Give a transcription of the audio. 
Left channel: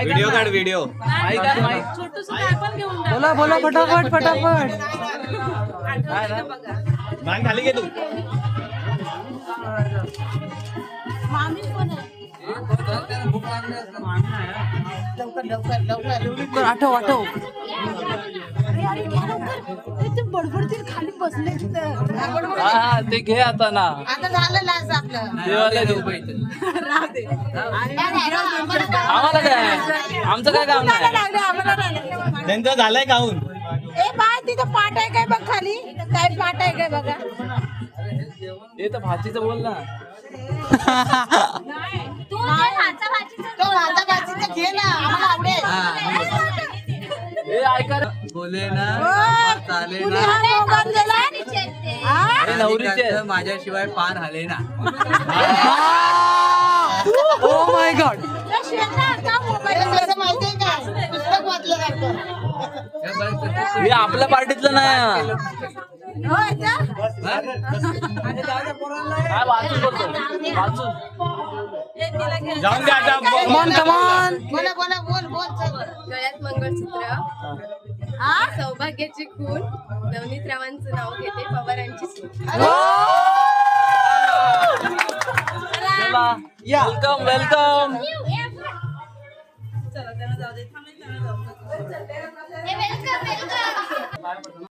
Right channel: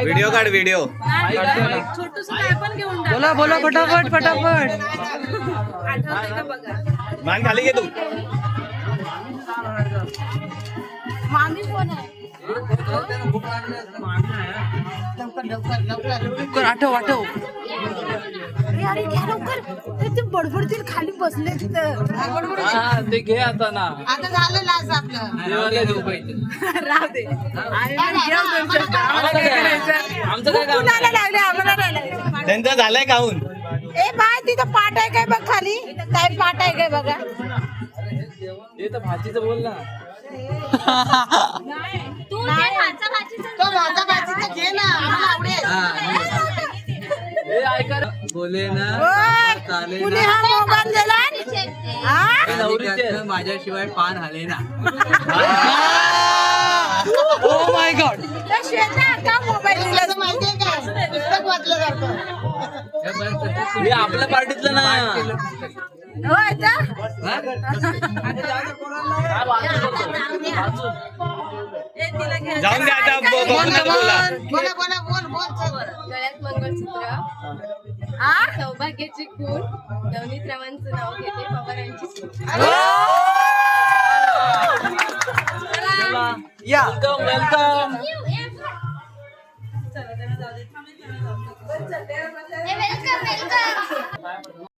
Video काढ video. छोटूस काय पण घेऊन जा. बोला बोला फटाफट फटाफट. आठवतंय का बघा. मान खाली घे तू. मामी पण आहे. लवकर आठव आठव. अरे घ्या लवकर. ते बडबडतील खाली बसले तिथं. ते घे आता ना. आता झालं लास्ट आपलं. देवाला देऊ पाहिजे. राहू दे. आणि मग जेव तुमच्या आम्हाला काय करायचं? आमचं काय काम कुणाला लागले आम्हाला नाही लागले. त्यांचं झालंय खाऊन. ए बाय तिथं पाट आहे काय बघ खाली. काय पाट आहे काय बघा. हे तर भाजीचं बोल ना. तो भाचा भाजीचं घे ना आम्हाला आवडेल. हे ऐका ना. बोले ना चालेल कुणी हा मोबाईल दिला हा? नवरीचे माझ्याशिवाय पान हाले ना. Oh my God. त्या श्वेता का मोबाईल दिला माहितीये का पुस्तक वाचलं जातं. हे आपल्या पार्टीतलं ना. होय का? जाऊन द्या आता. बोला बोला बोल बोल. गळ्यात मंगळसूत्र, सौभाग्याची खून, नवनीत रावांचं नाव घेते, पवारांची सून. या वेलकम. Welcome welcome.